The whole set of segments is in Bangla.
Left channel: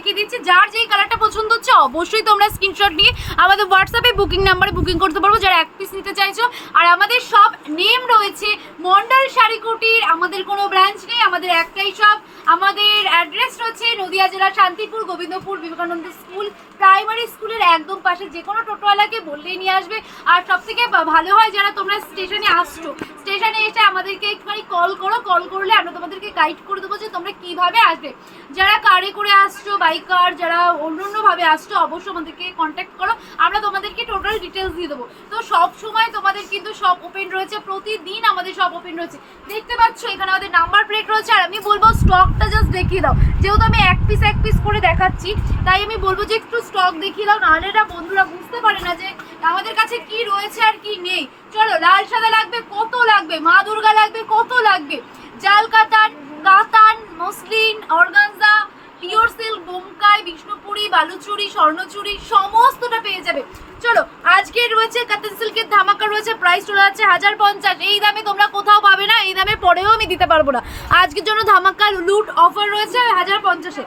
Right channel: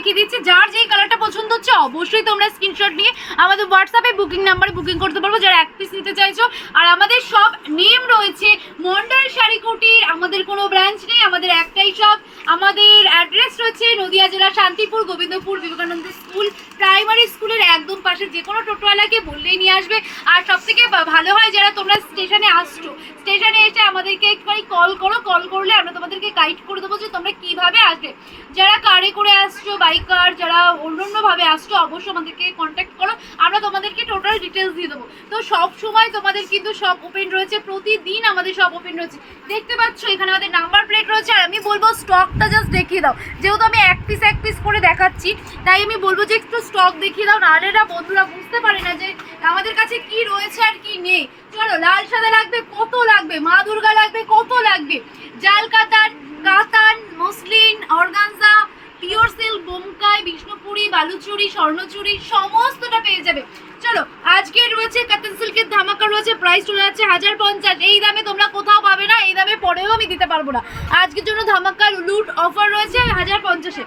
দেখিয়ে দিচ্ছি। যার যেই কালারটা পছন্দ হচ্ছে অবশ্যই তোমরা স্ক্রিনশট নিয়ে আমাদের হোয়াটসঅ্যাপে বুকিং নাম্বারে বুকিং করতে পারবো যারা এক পিস নিতে চাইছো। আর আমাদের সব নেম রয়েছে মন্ডল শাড়ি কুটির, আমাদের কোনো ব্রাঞ্চ নেই, আমাদের একটাই শপ। আমাদের অ্যাড্রেস রয়েছে নদিয়া জেলা শান্তিপুর গোবিন্দপুর বিবেকানন্দ স্কুল প্রাইমারি স্কুলের একদম পাশে। যে কোনো টোটোওয়ালাকে বললেই নিয়ে আসবে। আর সবথেকে ভালো হয় যারা তোমরা স্টেশনে আসছো, স্টেশনে এসে আমাদেরকে একটুখানি কল করো, কল করলে আমরা তোমাদেরকে গাইড করে দেবো যে তোমরা কীভাবে আসবে। যারা কারে করে আসছো, বাইকার, যারা অন্যান্যভাবে আসছো অবশ্যই আমাদেরকে কন্ট্যাক্ট করো, আমরা তোমাদেরকে টোটাল ডিটেলস দিয়ে দেবো। তো সব সময় তোমাদের কিন্তু সব ওপেন রয়েছে, প্রতিদিন আমাদের সব ওপেন রয়েছে। দেখতে পাচ্ছ এখানে আমাদের নাম্বার প্লেট রয়েছে। আর আমি বলবো স্টকটা জাস্ট দেখিয়ে দাও, যেহেতু আমি এক পিস করে দেখাচ্ছি তাই আমি বলবো যে একটু স্টক দেখিয়ে দাও, নাহলে না বন্ধুরা বুঝতে পারে না যে আমাদের কাছে কি রয়েছে আর কি নেই। চলো, লাল সাদা লাগবে কত লাগবে, মা দুর্গা লাগবে কত লাগবে, জাল Katan, Katan, muslin, organza, pure silk, Bomkai, Bishnupuri, Baluchari, Swarnachari সমস্তটা পেয়ে যাবে। চলো, আজকে রয়েছে কাতান সিল্কের ধামাকা রয়েছে, প্রাইস চলে যাচ্ছে 1050। এই দামে তোমরা কোথাও পাবে না, এই দামে পরেও আমি দিতে পারবো না। আজকের জন্য ধামাকা লুট অফার রয়েছে 1050-এ।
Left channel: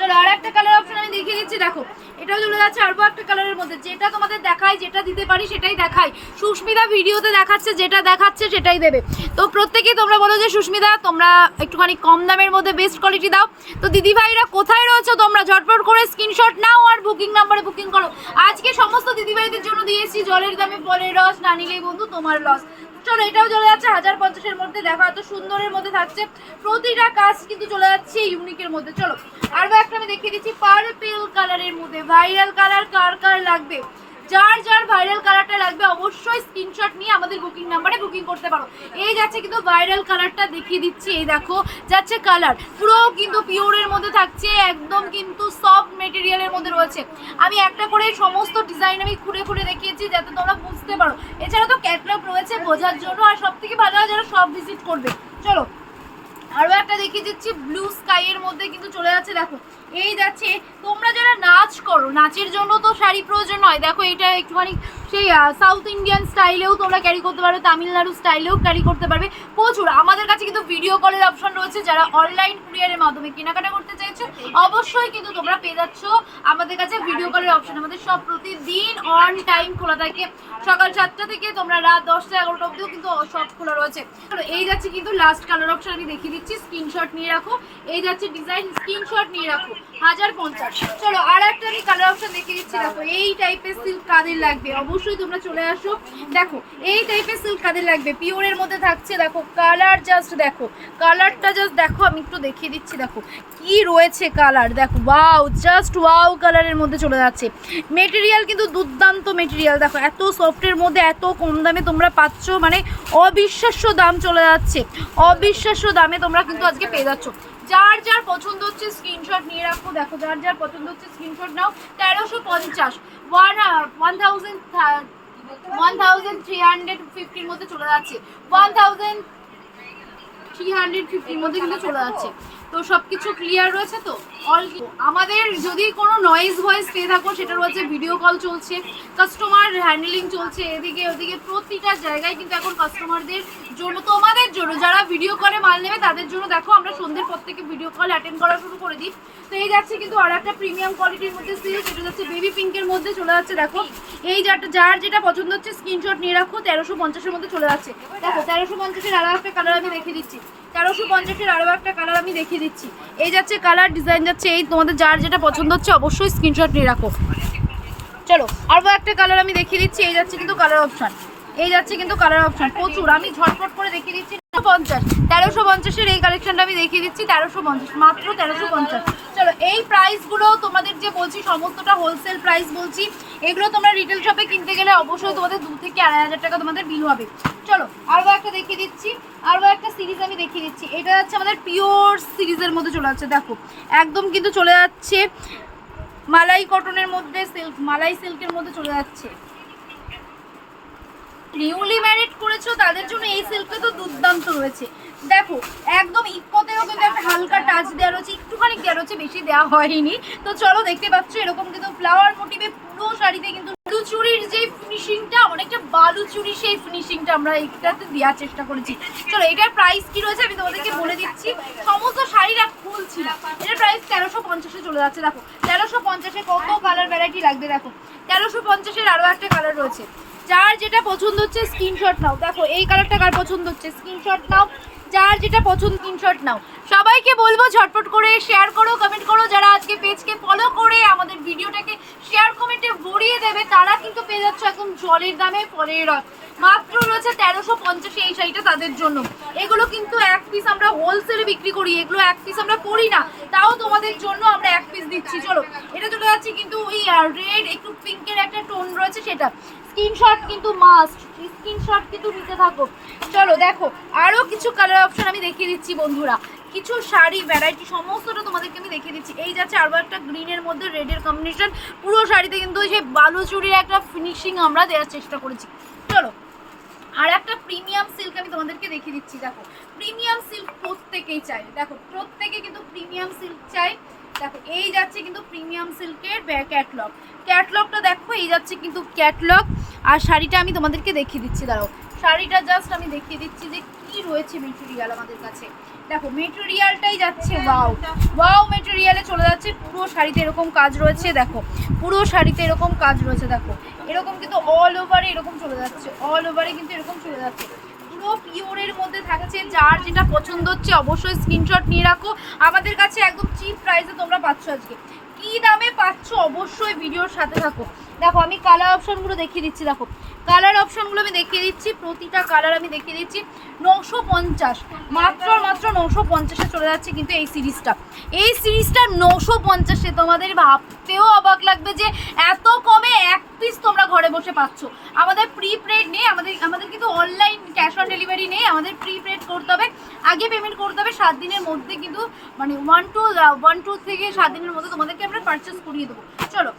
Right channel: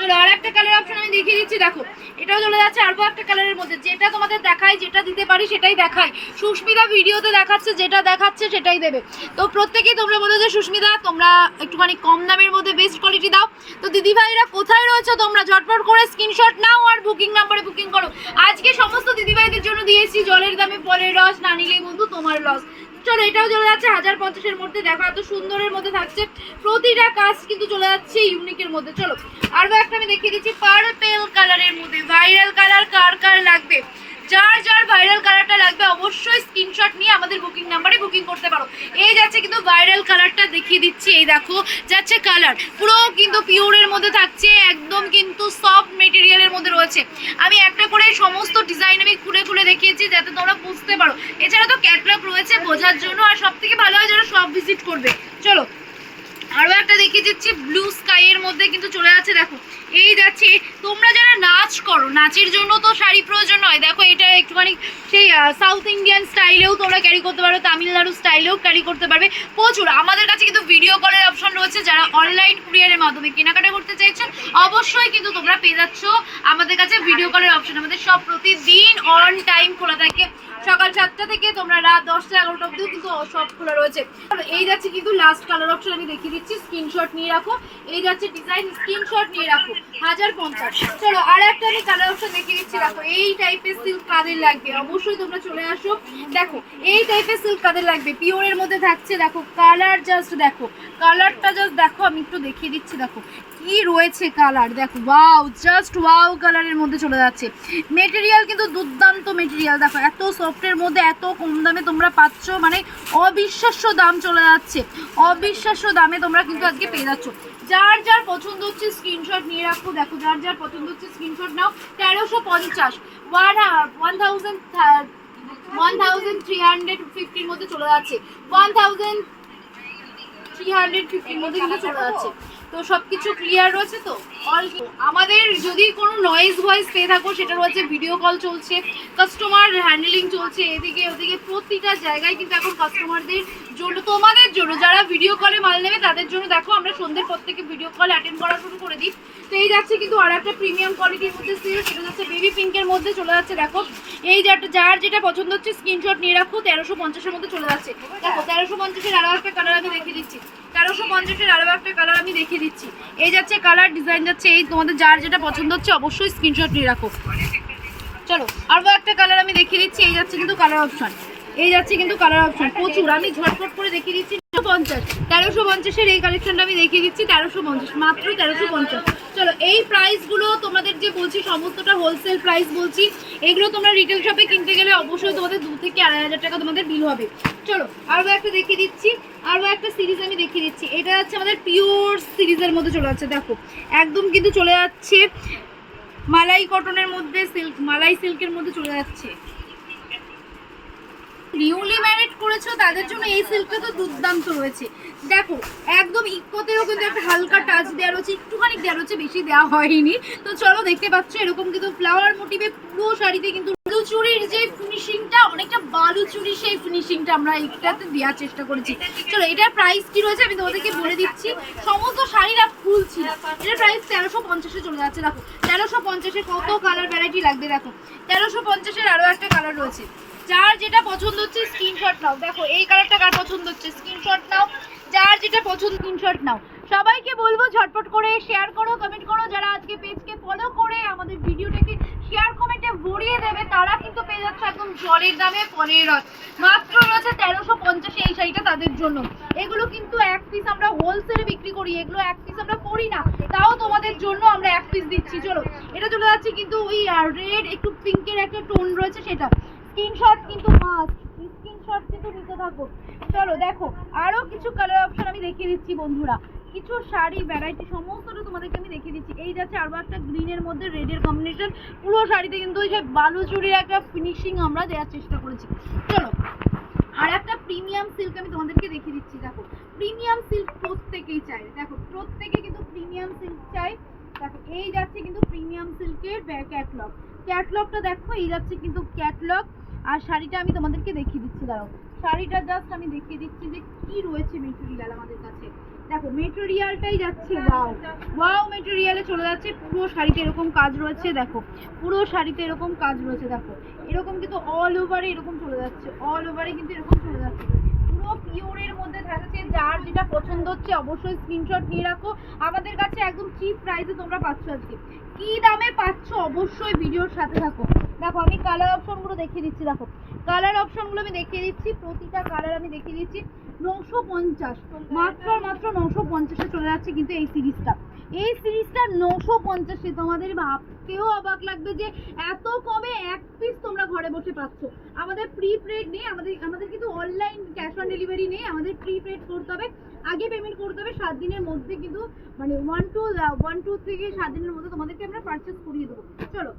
চলো, আর একটা কালার অপশন আমি দেখিয়ে দিচ্ছি। দেখো, এটাও চলে যাচ্ছে আরও একটা কালারের মধ্যে। যেটা তোমাদের দেখাই, যেটা দিতে পারি সেটাই দেখাই। সুস্মিতা ভিডিওতে দেখাচ্ছে, যেটা দেখাচ্ছে সেটাই দেবে। তো প্রত্যেকেই তোমরা বলো যে সুস্মিতা তোমরা একটুখানি কম দামের মধ্যে বেস্ট কোয়ালিটি দাও। তো দিদিভাইরা কোথায় রয়েছে তোমরা ঝটপট করে স্ক্রিনশট নাও আর বুকিং নাম্বারে বুকিং করো। আজকে সমস্ত দিদিভাইদের জন্য দিয়েছি জলের দামে ফলের রস, না নিলেই বন্ধু তোমার লস। চলো, এটাও চলে যাচ্ছে 1050-এর মধ্যে। দেখো এত সুন্দরের মধ্যে থাকছে, প্রতিটা কাজ কিন্তু চলে যাচ্ছে ইউনিকের মধ্যে। চলো, আরও একটা আমি দেখিয়ে দিচ্ছি পার্পেল কালারের মধ্যে। ভাইরাল কালার কার কার লাগবে, যার যার ভাইরাল কালারটা লাগবে অবশ্যই স্ক্রিনশট নিয়ে আমাদের বুকিং নাম্বারে বুকিং করতে পারো। এই যাচ্ছে কিন্তু ভাইরাল কালারটা দেখিয়ে দিচ্ছি। এই দেখো যাচ্ছে কালার, পুরো কিন্তু পিওরের মধ্যে থাকছে, একদম কিন্তু সফট মেটেরিয়ালের মধ্যে রয়েছে। আমি একটা করে সমস্ত ডিজাইন আমি খুলে দেখিয়েছি যাতে তোমরা বুঝতে পারো। এছাড়া তো ক্যাটালগ রয়েছে বোঝার জন্য, আর সব থেকে ভালো হয় যারা সব ভিজিট করবে। চলো, আরও একটা দেখিয়ে দিচ্ছি ব্লু স্কাইয়ের মধ্যে কিন্তু চলে যাচ্ছে। দেখো, এই যাচ্ছে, তোমরা যারা নাচ করো, নাচের জন্য তো শাড়ি প্রয়োজন হয়। দেখো, এটা একটুখানি সেই সাউথ ইন্ডিয়ান স্টাইলেও তোমরা ক্যারি করতে পারবে, তামিলনাড়ু স্টাইলেও ক্যারি করতে পারবে। প্রচুর আমাদের কাছে কিন্তু ভিডিও কলের অপশন রয়েছে। যারা অনলাইন কুরিয়ারের মাধ্যমে কেনাকাটা করতে চাইছো অবশ্যই কিন্তু তোমরা পেয়ে যাচ্ছ আমাদের কাছে ভিডিও কলের অপশন। আমাদের সব প্রতিদিন অন টাইম খোলা থাকে, সকাল 7টা থেকে তোমরা রাত 10টা-11টা অবধিও কিন্তু সব খোলা রয়েছে। এই যাচ্ছে কিন্তু লাস্ট কালার অপশন আমি দেখিয়ে দিচ্ছি, স্ক্রিনশট নিয়ে রাখো। এই যাচ্ছে ডিজাইন, স্ক্রিনশট নিয়ে রাখো 1050। চলো, আর একটা আমি কালার অপশন দেখিয়ে দিচ্ছি। দেখো, এই টাইপের সিল্ক কাদের লাগবে অবশ্যই তোমরা চলে আসো। দেখো, এই টাইপের সিল্ক কাদের লাগবে, পিওরের মধ্যে থাকছে। দেখো কালার, জাস্ট দেখো কালারটা, জাস্ট দেখো আমি একটু দেখিয়ে দিচ্ছি। দেখো কি রয়েছে কালার, দেখো ওয়াও, জাস্ট ওয়াও কালারের মধ্যে চলে যাচ্ছে। মেটেরিয়াল কিন্তু দুর্দান্ত মেটেরিয়াল। দেখো এত সফটের মধ্যে এত কম দামে তোমরা পাচ্ছ, মানে অবিশ্বাস্য দাম চলে যাচ্ছে, অবিশ্বাস্য দামে তোমরা কিন্তু আজকে পেয়ে যাচ্ছ। যার যার পছন্দ হচ্ছে স্ক্রিনশট নিয়ে রাখো। দেখো, যার যার পছন্দ হচ্ছে স্ক্রিনশট নাও। 1350 1350-র মধ্যে চলে যাচ্ছে, 1350-র মধ্যে কিন্তু চলে যাচ্ছে। তো সবকিছু ক্লিয়ার রয়েছে তো অল। আমাদের যদি কোনো নয়েজ ভয়েস পেয়ে থাকো সেটা রয়েছে, ভিডিও কল চলছে, কাস্টমার হ্যান্ডলিং চলছে, এদিকে ওদিকে প্রতিটা জায়গায় কিন্তু এখন কাস্টমারদের জন্য, তোমাদের জন্য যারা ভিডিও কলে মাল নেবে তাদের জন্য। দেখো, আমরা সন্ধ্যের পর থেকে ভিডিও কল অ্যাটেন্ড করা শুরু করে দিই। তো এই যাচ্ছে কিন্তু আর একটা প্রিমিয়াম কোয়ালিটির মধ্যে সিল্ক, সেটা যাচ্ছে বেবি পিঙ্কের মধ্যে চলে যাচ্ছে। দেখো, এই যার যেটা পছন্দ হচ্ছে স্ক্রিনশট নিয়ে রাখো। 1350-এর মধ্যে চলে যাচ্ছে। দেখো, 1350-এর আরও একটা কালার আমি দেখিয়ে দিচ্ছি। 1350-এর আরও একটা কালার আমি দেখিয়ে দিচ্ছি। এই যাচ্ছে কালার, ডিজাইন যাচ্ছে। এই তোমাদের যার যেটা পছন্দ হচ্ছে অবশ্যই স্ক্রিনশট নিয়ে রাখো। চলো, আরও একটা কালার আমি দেখিয়ে দিচ্ছি। এই যাচ্ছে কিন্তু কালার অপশান, এই যাচ্ছে কিন্তু কালার অপশান প্রচুর। আমি ঝটপট করে দেখিয়ে দিচ্ছি। 1350-এর এই কালেকশনটা আমি দেখিয়ে দিচ্ছি। 1350, মাত্র 1350। চলো, এই প্রাইসগুলো তোমাদের যে বলছি সমস্তটা হোলসেল প্রাইস বলছি। এগুলো তোমরা রিটেল শপে কিনতে গেলে অবশ্যই তোমাদের 2 থেকে 2,500 টাকা তোমাদের বিল হবে। চলো, আরও একটা দেখিয়ে দিচ্ছি, আরও একটা সিরিজ আমি দেখিয়ে দিচ্ছি। এটা যাচ্ছে আমাদের পিওর সিরিজের মধ্যে চলে যাচ্ছে। দেখো, একদম কিন্তু চলে যাচ্ছে মালাই কটনের মধ্যে, সিল্ক, মালাই সিল্কের মধ্যে চলে যাচ্ছে। নিউলি ম্যারিড করেছো তাদের জন্য এই সিল্কটা তো দুর্দান্ত রয়েছে। দেখো, একদম ইকোতেও কিন্তু একটা হালকা টাচ দেওয়া রয়েছে, একটুখানি দেওয়া রয়েছে, বেশি দেওয়া হয়নি। তো চলো, দেখতে পাচ্ছ এরকম কিন্তু ফ্লাওয়ার মোটিভে পুরো শাড়িতে কিন্তু চুরির যে ফিনিশিংটা, অনেকটা বালু চুরি সেই ফিনিশিংটা আমরা এইটাতে দেওয়ার চেষ্টা করেছি। চলো এটার প্রাইস কি রয়েছে আমি তোমাদেরকে বলে দিচ্ছি। সমস্ত শাড়িরা খুলছি না, এটার প্রাইস 1350-এ চলে যাচ্ছে। দেখো 1350-এ কত কালার ভ্যারাইটি লাগবে। দেখো 1350-এর আরও একটা কালার রয়েছে। যার যেটা পছন্দ হচ্ছে স্ক্রিনশট নাও। দেখো এই কালারটা কার পছন্দ হচ্ছে স্ক্রিনশট নাও, যার যেটা পছন্দ স্ক্রিনশট নাও। সবাইকে বলবো ঝটপট করে শেয়ার করো, কমেন্ট করো। যারা আজকে পেজকে ফলো করে আমাদের ভিডিওটাকে শেয়ার কমেন্টে ভরিয়ে দেবে তারা কিন্তু পেয়ে যাচ্ছে একদম জলের দামে পরের রথ। মাত্র রয়েছে 1350 এই শাড়িটা তাদের জন্য। এগুলো কিন্তু এক পিস আমরা হোলসেলে বিক্রি করি, এগুলো এক পিস আমরা করি না, তাও তোমাদের জন্য আমরা এক পিস দিচ্ছি। চলো এটা চলে যাচ্ছে কিন্তু ওই রেড একটু পিঙ্কের একটা টোন রয়েছে সেটা। স্ক্রিনশট কিন্তু মাস্ট, স্ক্রিনশট কিন্তু নিতে থাকো। চলো দেখো আরও কিছু কালার অপশন আমি দেখিয়ে দিচ্ছি বন্ধুরা, কিছু শাড়ি ভ্যারাইটি সমস্তটা তোমাদেরকে আমি দেখিয়ে দিচ্ছি। এই যাচ্ছে আরও একটা গ্রিনের মধ্যে রেডের কম্বিনেশন, পুরো শাড়িতে কিন্তু ওই যে বালুচুরির একটা ফিনিশিং আমরা দেওয়ার চেষ্টা করেছি। চলো আর একটা প্রিমিয়াম সিল্ক আমি তোমাদেরকে দেখিয়ে দিচ্ছি। দেখো প্রিমিয়াম সিল্ক প্রত্যেকেই চাই, দেখো প্রত্যেকে কিন্তু প্রিমিয়াম সিল্ক চাই। দেখো এই যাচ্ছে কিন্তু প্রিমিয়াম সিল্কের ক্যাটলগ, ক্যাটলগটা দেখো এই যাচ্ছে কিন্তু ক্যাটলগ। আর শাড়িটা আমি তোমাদেরকে দেখিয়ে দিচ্ছি, দাঁড়াও শাড়িটা জাস্ট আমি দেখিয়ে দিচ্ছি যে কি রয়েছে মেটেরিয়াল আমাদের কাছে। দেখো মেটেরিয়ালটাই যাচ্ছে ওয়াও, ওয়াও মেটেরিয়ালে চলে যাচ্ছে। পুরো শাড়িতে এরকম কাজ রয়েছে, দেখো পুরো শাড়িতে এরকম কাজ রয়েছে। দেখো এরকম কিন্তু অল ওভারে এরকম চলে যাচ্ছে, অল ওভারে কিন্তু এরকম চলে যাচ্ছে। পুরো পিওরের মধ্যে থাকছে। যার যেটা পছন্দ হচ্ছে অবশ্যই স্ক্রিনশট নিয়ে রাখো। আমাদের কাছে একদম চিপ প্রাইসে তোমরা পাচ্ছ। আজকে কি দামে পাচ্ছ অবশ্যই ভিডিওর সাথে থাকো। দেখো আমি কালার অপশনগুলো দেখিয়ে দিচ্ছি। দেখো কালার অপশনগুলো আমি দেখিয়ে দিচ্ছি, প্রতিটা কালার আমি দেখিয়ে দিচ্ছি। 950 মাত্র 950-এ চলে যাচ্ছে কিন্তু এই সিরিজটা। এই সিরিজটা 950-এ তোমাদের ভাবতেও অবাক লাগবে যে এত কমে এক পিস তোমরা ঘরে বসে পাচ্ছ। আমাদের প্রিপেড নেই, আমাদের কিন্তু অনলাইন ক্যাশ অন ডেলিভারি নেই, আমাদের প্রিপেড করতে হবে, আগে পেমেন্ট করতে হবে। 7 দিনের মধ্যে কিন্তু মানে 1 থেকে 7 দিনের মধ্যে তোমাদেরকে আমরা পারচেস করিয়ে দেবো। চলো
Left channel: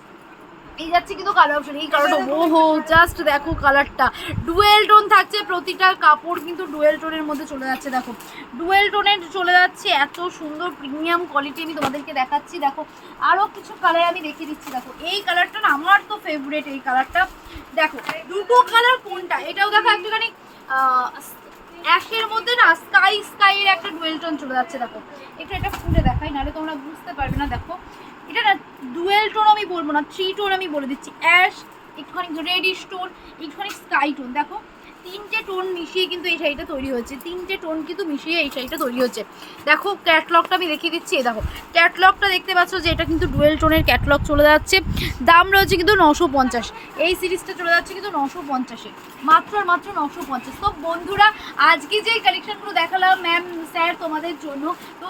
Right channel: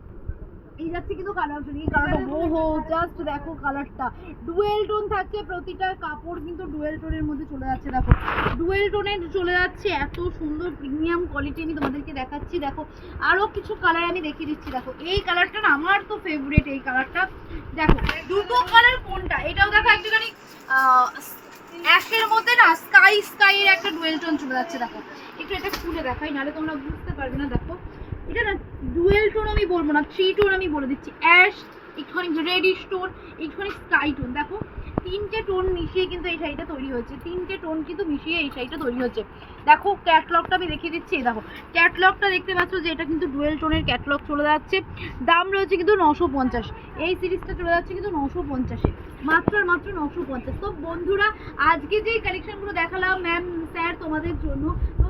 এই যাচ্ছে কিন্তু কালার অপশন। এই কালারটা ওহো জাস্ট দেখো কালারটা ডুয়েল টোন থাকছে, প্রতিটা কাপড় কিন্তু ডুয়েল টোনের মধ্যে চলে যাচ্ছে। দেখো ডুয়েল টোনের চলে যাচ্ছে, এত সুন্দর প্রিমিয়াম কোয়ালিটি আমি তোমাদেরকে দেখাচ্ছি। দেখো আরও কিছু কালার আমি দেখিয়ে দিচ্ছি। দেখো এই কালারটা না আমার তো ফেভারিট এই কালারটা। দেখো দুটো কালার কোনটা, এটাও দেখো একটুখানি অ্যাশের মধ্যে না স্কাইয়ের একটা ডুয়েল টোন চলে যাচ্ছে। দেখো একটু এটা খুলে দেখাই, নাহলে তোমরা বুঝতে পারবে না। দেখো এটা না ডুয়েল টোন আমি বলবো না, 3 টোন আমি বলে দিচ্ছি। অ্যাশ, একটুখানি রেডিশ টোন, একটুখানি স্কাই টোন। দেখো 3টে টোন মিশিয়ে কিন্তু এই শাড়িটা তৈরি হচ্ছে, 3টে টোন কিন্তু মিশিয়ে এই শাড়িটা তৈরি হচ্ছে। দেখো ক্যাটলগটা আমি দেখিয়ে দিচ্ছি। দেখো ক্যাটলগটা দেখতে পাচ্ছ যে এটা কিন্তু ডুয়েল টোনের ক্যাটলগ চলে যাচ্ছে। দাম রয়েছে কিন্তু 950। এই সিরিজটা চলে যাচ্ছে কিন্তু 950-এ, মাত্র আর মাত্র 950। তো বন্ধুরা আজকে যেই কালেকশনগুলো দেখালাম ম্যাম স্যার তোমাদের জন্য, তো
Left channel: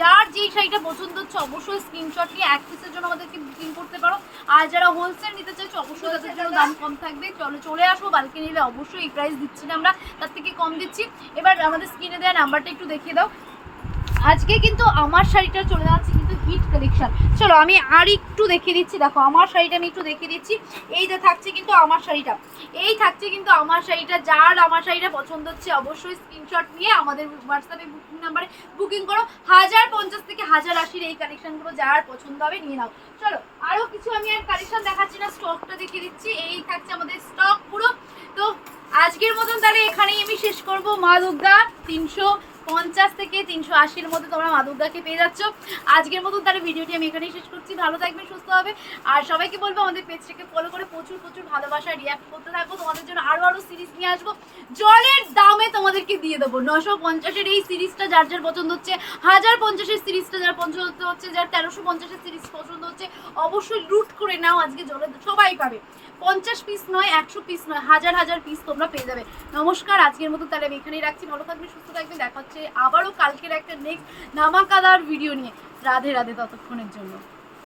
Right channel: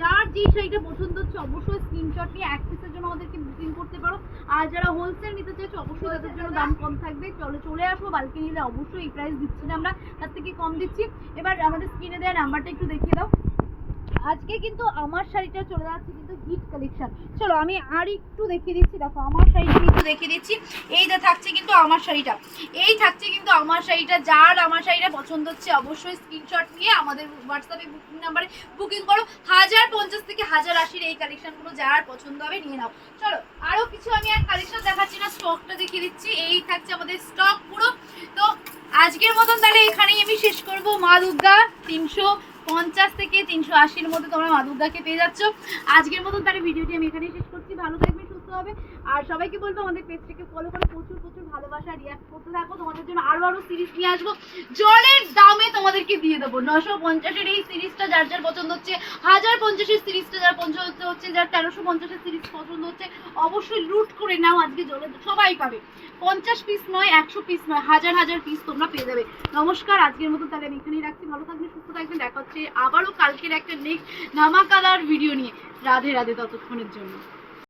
যার যেই শাড়িটা পছন্দ হচ্ছে অবশ্যই স্ক্রিনশট নিয়ে এক পিসের জন্য আমাদেরকে বুকিং করতে পারো। আর যারা হোলসেল নিতে চাইছো অবশ্যই তাদের জন্য দাম কম থাকবে। চলে আসো, বালকে নিলে অবশ্যই এই প্রাইস দিচ্ছি না আমরা, তার থেকে কম দিচ্ছি। এবার আমাদের স্ক্রিনে দেওয়া নাম্বারটা একটু দেখিয়ে দাও। আজকে কিন্তু আমার শাড়িটা চলে যাচ্ছে কিন্তু হিট কালেকশন। চলো আমি আর একটু দেখিয়ে দিচ্ছি। দেখো আমার শাড়িটা আমি একটু দেখিয়ে দিচ্ছি। এই যে থাকছে কিন্তু আমার শাড়িটা, এই থাকছে কিন্তু আমার শাড়িটা। যার আমার শাড়িটা পছন্দ হচ্ছে অবশ্যই স্ক্রিনশট নিয়ে আমাদের হোয়াটসঅ্যাপে বুকিং নাম্বারে বুকিং করো। 1050 থেকে 1080 এই কালেকশনগুলো যার পছন্দ হবে নিয়ে নাও। চলো আরও কিছু আমি আর কালেকশন দেখাচ্ছি না, স্টকটা দেখিয়ে দিচ্ছি। এই থাকছে আমাদের স্টক পুরো। তো আজকের মতন তাহলে এখানেই আমি শেষ করবো। মা দুর্গা 350 থেকে 380-এর মধ্যে তোমরা মা দুর্গাকে পেয়ে যাচ্ছ। আজকের মতন তাহলে ভিডিওটি আমি এখানেই শেষ করছি। ভালো থাকবে, সুস্থ হবে। আর সবাইকে বলবো আমাদের পেজটাকে ফলো করে প্রচুর ভালোবাসা রিঅ্যাক্ট করতে থাকো। তোমাদের জন্য আরও সিরিজ নিয়ে আসবো, জলের দামে তোমাদেরকে দিয়ে দেবো। 950-এর এই সিরিজটা যার যার পছন্দ হচ্ছে, 1050-এর সিরিজটা যার পছন্দ হচ্ছে, যার 1350-এর সিরিজ পছন্দ হচ্ছে অবশ্যই লুট করে নাও। আজকে জলের সবাই পাবে, 50 পিস নয়, 100 পিস নয়, হাজার পিস তোমরা পেয়ে যাবে। নমস্কার, আজকের মতো তাহলে আমি এখানেই রাখছি। ভালো থাকবেন, সুস্থ থাকবেন। দেখা হচ্ছে আবারও কালকের একটা নেক্সট ধামাকাদার ভিডিও নিয়ে। রাধে রাধে ততক্ষণের জন্য।